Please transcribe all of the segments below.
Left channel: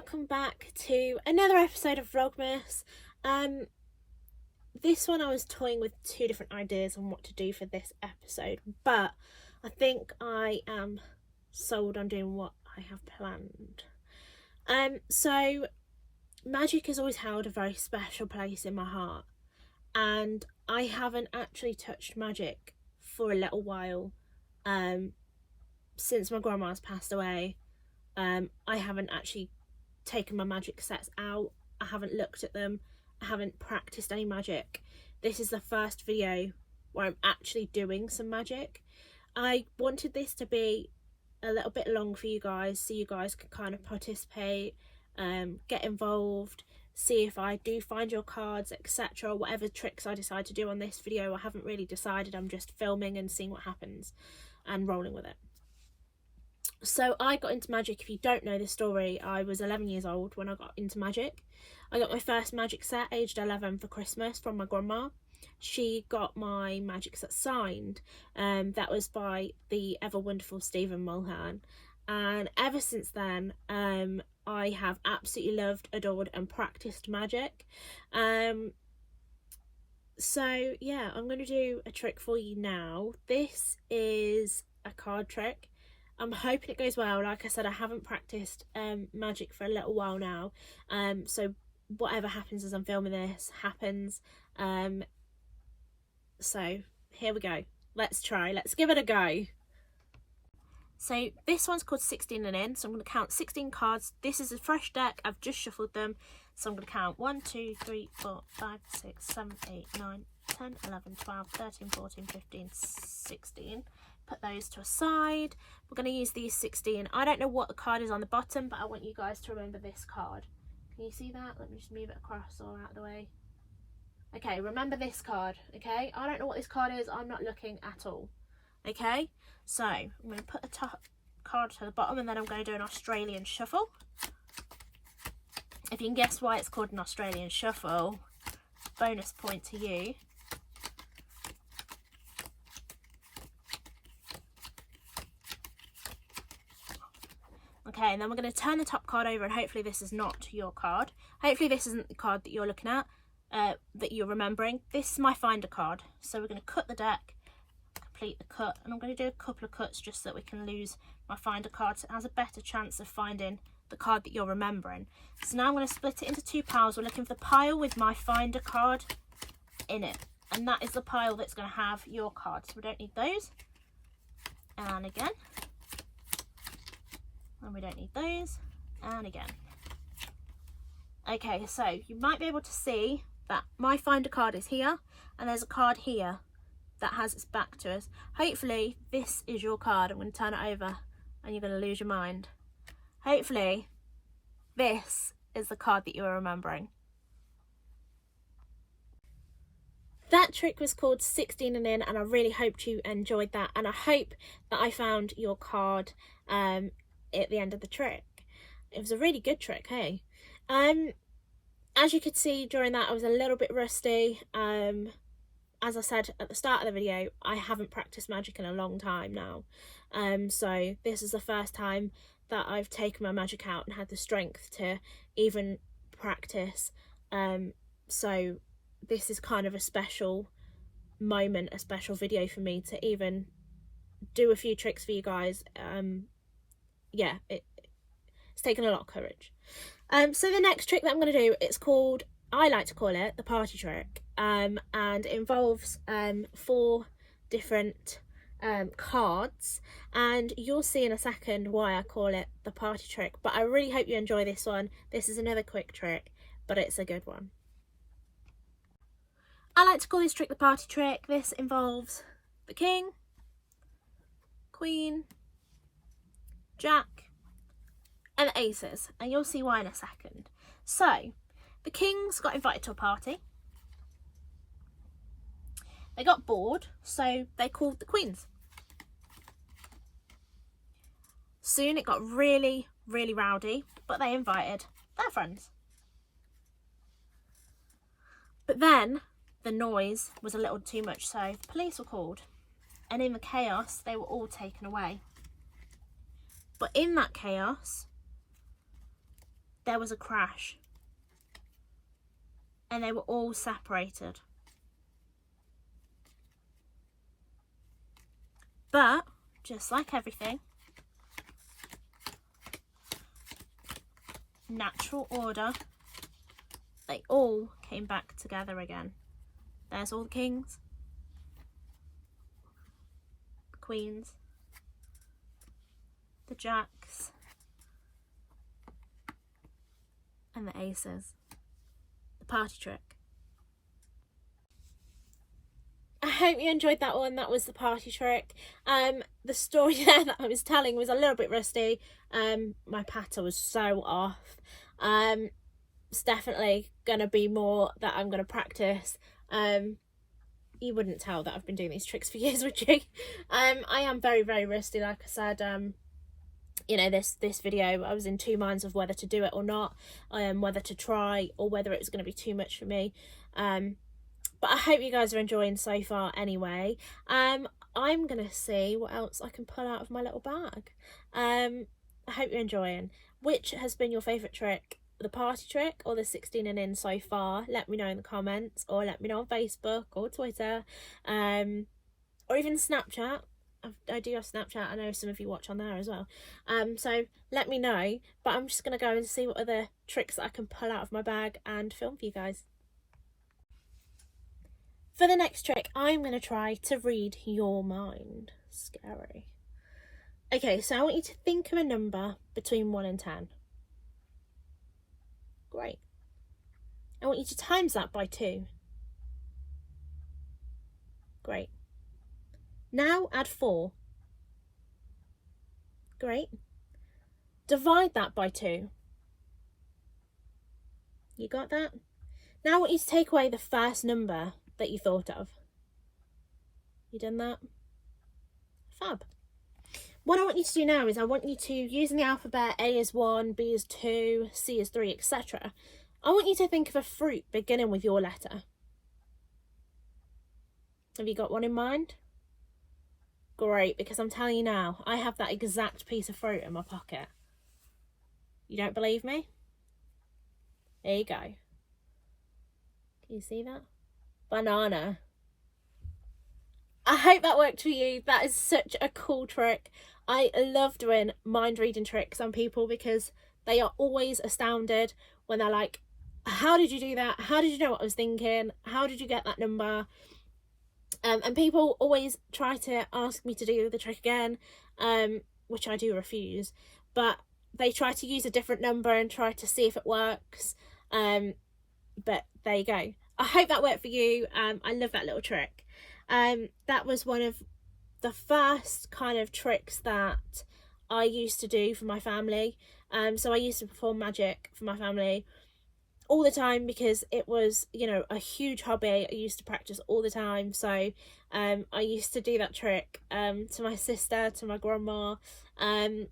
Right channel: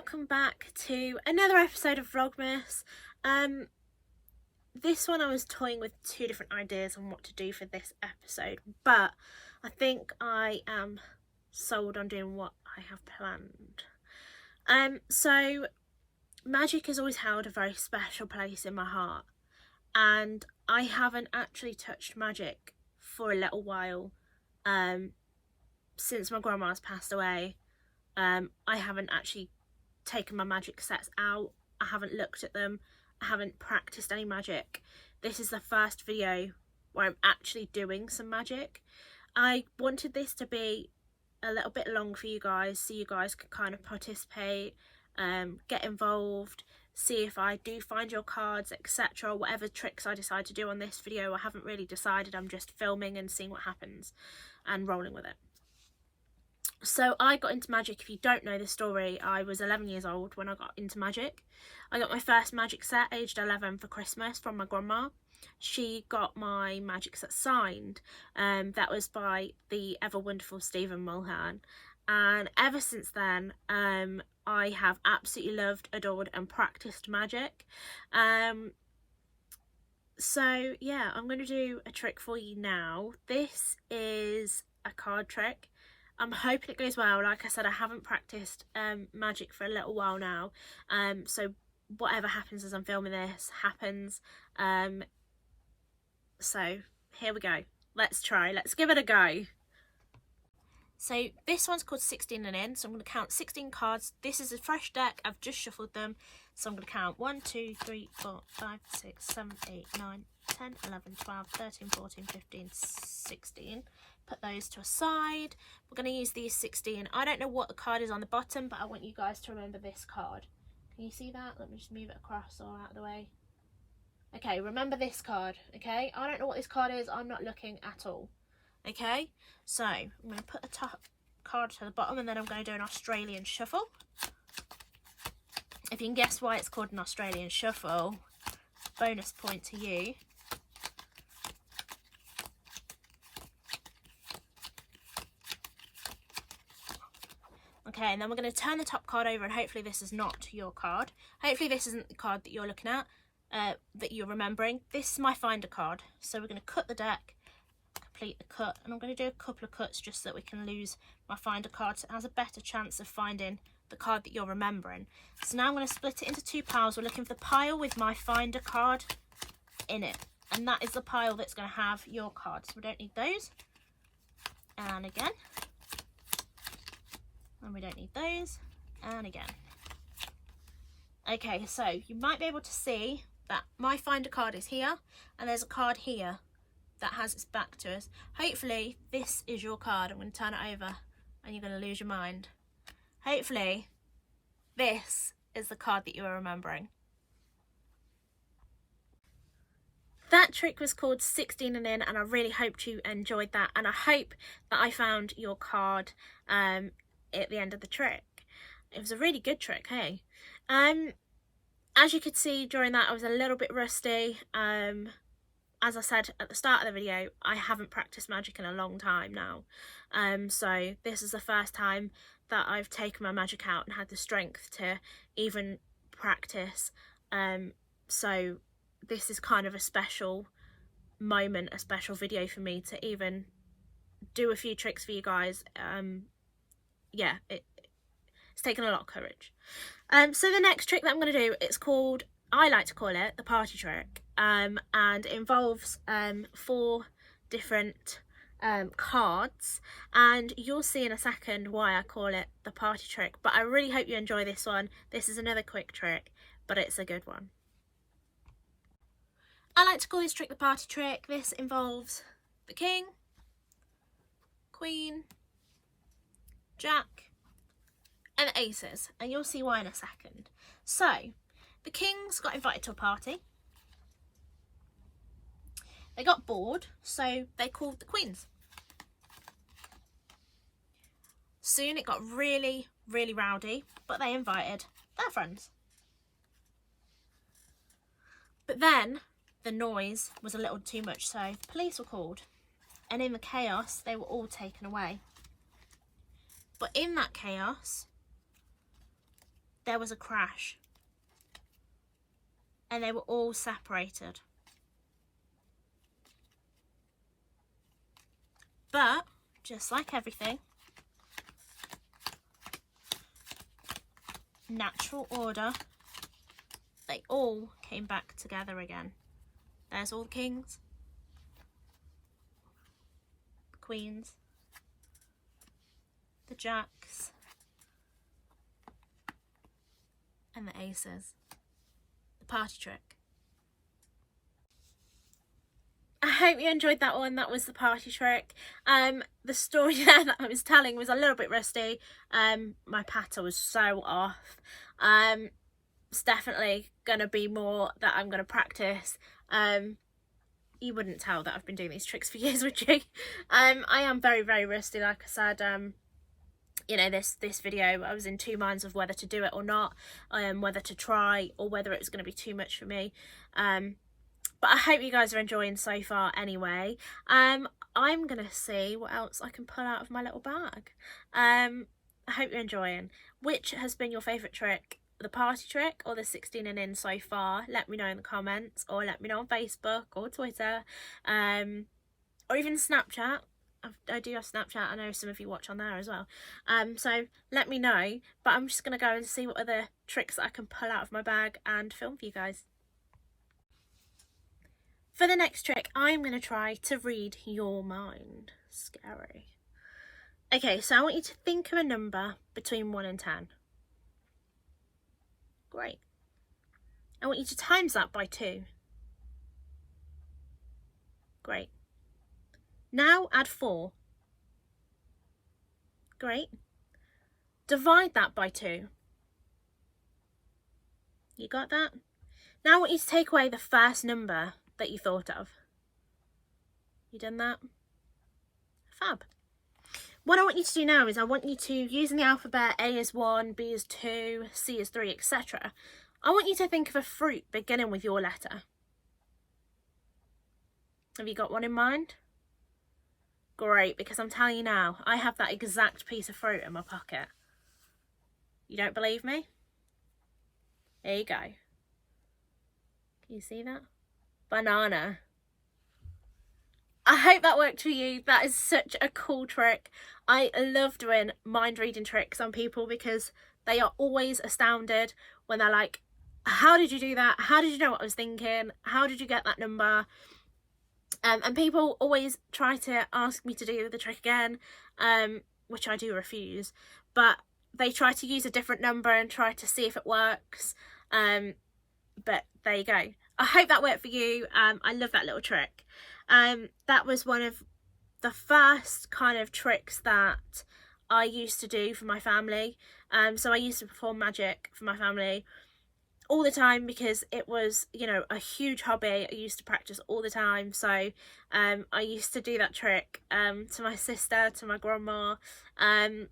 welcome back to another episode of Vlogmas. This one I was toying with two different ideas on what to do for this episode, but I think I am sold on doing what I have planned. So magic has always held a very special place in my heart, and I haven't actually touched magic for a little while. Since my grandma's passed away, I haven't actually taken my magic sets out. I haven't looked at them. I haven't practiced any magic. This is the first video where I'm actually doing some magic. I wanted this to be a little bit long for you guys, so you guys can kind of participate, get involved, see if I do find your cards, etc. Whatever tricks I decide to do on this video, I haven't really decided. I'm just filming and seeing what happens and rolling with it. So I got into magic. If you don't know the story, I was 11 years old when I got into magic. I got my first magic set aged 11 for Christmas from my grandma. She got my magic set signed. That was by the ever wonderful Stephen Mulhern. And ever since then, I have absolutely loved, adored and practiced magic. So yeah, I'm going to do a trick for you now. This is a card trick. I'm hoping it goes well. Like I said, I haven't practiced magic for a little while now, so whatever happens as I'm filming this happens. So here we go. Let's give it a go. So this one's called 16 and in, so I'm going to count 16 cards. This is a fresh deck. I've just shuffled them, so I'm going to count 1 2 3 4 5 6 7 8 9 10 11 12 13 14 15 16. Put those to a side. We're going to use these 16. I don't know what the card is on the bottom, but I want you guys to remember this card. Can you see that? Let me just move it across or out of the way. Okay, remember this card, okay? I don't know what this card is. I'm not looking at all. Okay, so I'm going to put the top card to the bottom, and then I'm going to do an Australian shuffle. If you can guess why it's called an Australian shuffle, bonus point to you. Okay, and then we're going to turn the top card over, and hopefully this is not your card. Hopefully this isn't the card that you're looking at, that you're remembering. This is my finder card. So we're going to cut the deck, complete the cut, and I'm going to do a couple of cuts just so that we can lose my finder card, so it has a better chance of finding the card that you're remembering. So now I'm going to split it into two piles. We're looking for the pile with my finder card in it, and that is the pile that's going to have your card. So we don't need those. And again. And we don't need those, and again. Okay, so you might be able to see that my finder card is here, and there's a card here that has its back to us. Hopefully this is your card. I'm going to turn it over and you're going to lose your mind. Hopefully this is the card that you are remembering. That trick was called 16 and in, and I really hoped you enjoyed that, and I hope that I found your card at the end of the trick. It was a really good trick, hey? As you could see during that, I was a little bit rusty. As I said at the start of the video, I haven't practiced magic in a long time now, so this is the first time that I've taken my magic out and had the strength to even practice. So this is kind of a special moment, a special video for me to even do a few tricks for you guys. Yeah, it's taken a lot of courage. So the next trick that I'm going to do, it's called, I like to call it the party trick, and it involves 4 different cards, and you'll see in a second why I call it the party trick. But I really hope you enjoy this one. This is another quick trick, but it's a good one. I like to call this trick the party trick. This involves the king, queen, jack and the aces, and you'll see why in a second. So the kings got invited to a party. They got bored, so they called the queens. Soon it got really rowdy, but they invited their friends. But then the noise was a little too much, so police were called, and in the chaos they were all taken away. But in that chaos, there was a crash and they were all separated. But just like everything, natural order, they all came back together again. There's all the kings, the queens, the jacks, and the aces. The party trick. I hope you enjoyed that one. That was the party trick. The story there that I was telling was a little bit rusty. My patter was so off. It's definitely gonna be more that I'm gonna practice. You wouldn't tell that I've been doing these tricks for years, would you? I am very, very rusty, like I said. You know, this video, I was in two minds of whether to do it or not, whether to try or whether it's going to be too much for me. But I hope you guys are enjoying so far anyway. I'm going to see what else I can pull out of my little bag. I hope you're enjoying. Which has been your favourite trick? The party trick or the 16 and in so far? Let me know in the comments, or let me know on Facebook or Twitter, or even Snapchat. I do have Snapchat. I know some of you watch on there as well. So let me know. But I'm just going to go and see what other tricks I can pull out of my bag and film for you guys. For the next trick, I'm going to try to read your mind. Scary. Okay, so I want you to think of a number between 1 and 10. Great. I want you to times that by 2. Great. Now add 4. Great. Divide that by 2. You got that? Now I want you to take away the first number that you thought of. You done that? Fab. What I want you to do now is I want you to, using the alphabet, A is 1, B is 2, C is 3, etc. I want you to think of a fruit beginning with your letter. Have you got one in mind? Great, because I'm telling you now, I have that exact piece of fruit in my pocket. You don't believe me? There you go. Can you see that? Banana. I hope that worked for you. That is such a cool trick. I love doing mind reading tricks on people because they are always astounded when they're like, how did you do that? How did you know what I was thinking? How did you get that number? And people always try to ask me to do the trick again, which I do refuse, but they try to use a different number and try to see if it works. But there you go. I hope that worked for you. I love that little trick. That was one of the first kind of tricks that I used to do for my family. So I used to perform magic for my family all the time because it was, you know, a huge hobby. I used to practice all the time. So I used to do that trick to my sister, to my grandma, and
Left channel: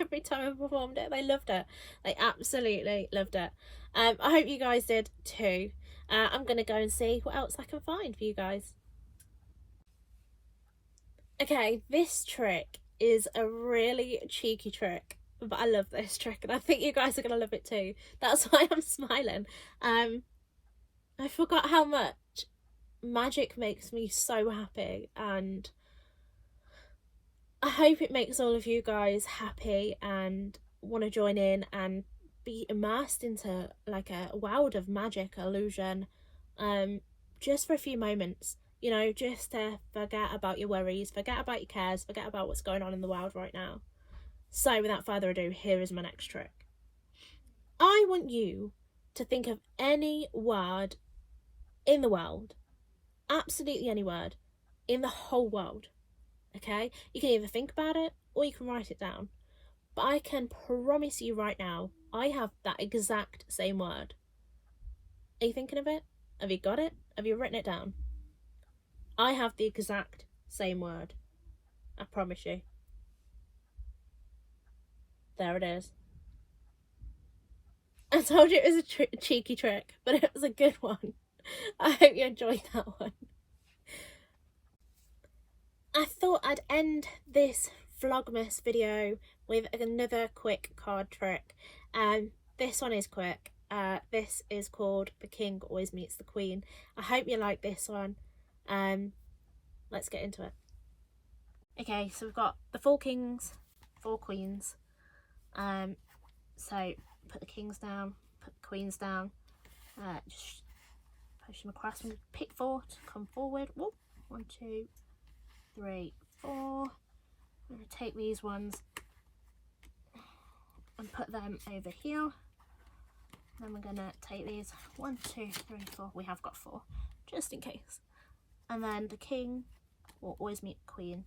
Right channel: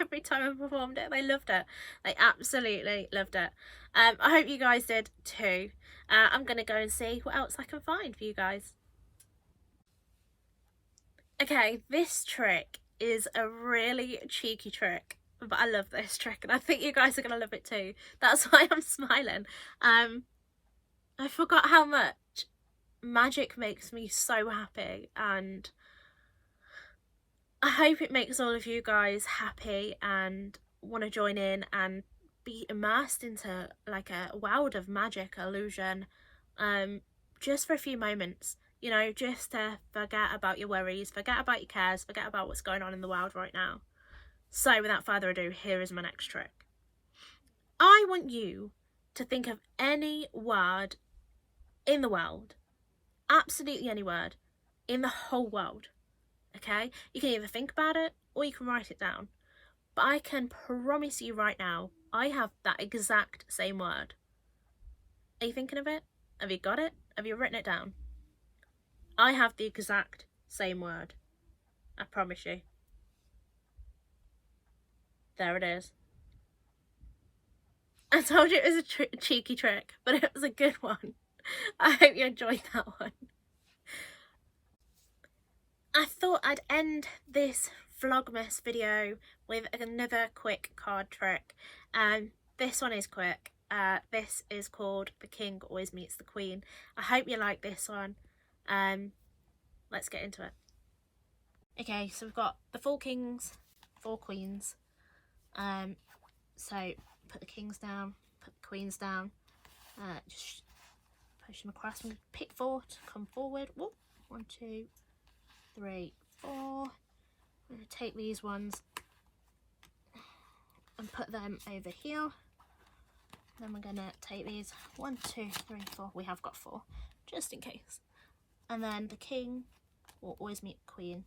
every time I performed it, they loved it. They absolutely loved it. I hope you guys did too. I'm going to go and see what else I can find for you guys. Okay, this trick is a really cheeky trick, but I love this trick and I think you guys are going to love it too. That's why I'm smiling. I forgot how much magic makes me so happy, and I hope it makes all of you guys happy and want to join in and be immersed into like a world of magic illusion, just for a few moments, you know, just to forget about your worries, forget about your cares, forget about what's going on in the world right now. So without further ado, here is my next trick. I want you to think of any word in the world, absolutely any word in the whole world. Okay, you can either think about it or you can write it down, but I can promise you right now, I have that exact same word. Are you thinking of it? Have you got it? Have you written it down? I have the exact same word. I promise you. There it is. I told you it was a cheeky trick, but it was a good one. I hope you enjoyed that one. I thought I'd end this Vlogmas video with another quick card trick. This one is quick. This is called The King Always Meets the Queen. I hope you like this one. Let's get into it. Okay, so we've got the 4 kings, 4 queens. So put the kings down, put the queens down, just push them across. I'm going to pick 4 to come forward. Whoop. 1, 2, 3, 4. I'm going to take these ones and put them over here. Then we're going to take these 1, 2, 3, 4. We have got 4, just in case. And then the king will always meet the queen.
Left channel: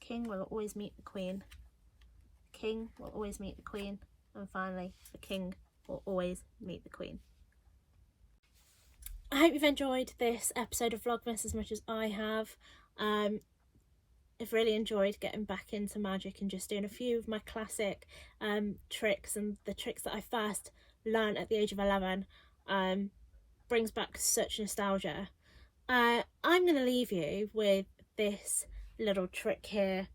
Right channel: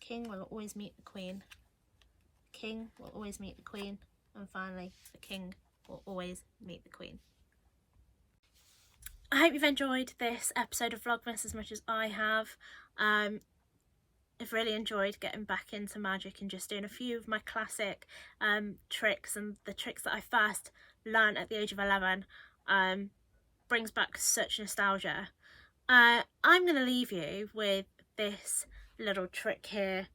King will always meet the queen. King will always meet the queen. And finally, the king will always meet the queen. I hope you've enjoyed this episode of Vlogmas as much as I have. I've really enjoyed getting back into magic and just doing a few of my classic tricks, and the tricks that I first learned at the age of 11 brings back such nostalgia. I'm going to leave you with this little trick here.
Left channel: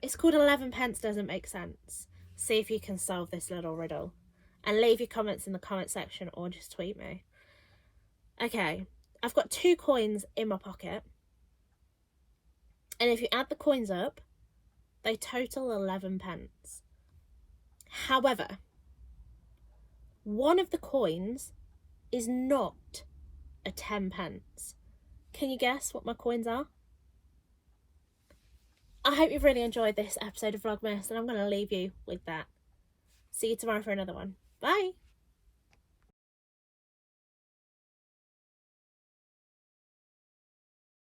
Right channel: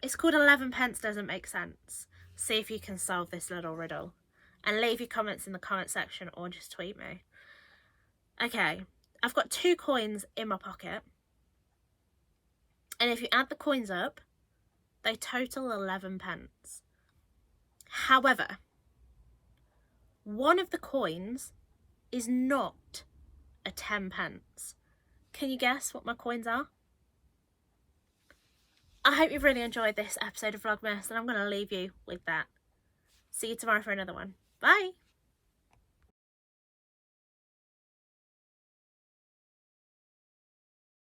It's called 11 pence doesn't make sense. See if you can solve this little riddle, and leave your comments in the comment section or just tweet me. Okay, I've got 2 coins in my pocket, and if you add the coins up, they total 11 pence. However, one of the coins is not a 10 pence. Can you guess what my coins are? I hope you've really enjoyed this episode of Vlogmas, and I'm going to leave you with that. See you tomorrow for another one. Bye!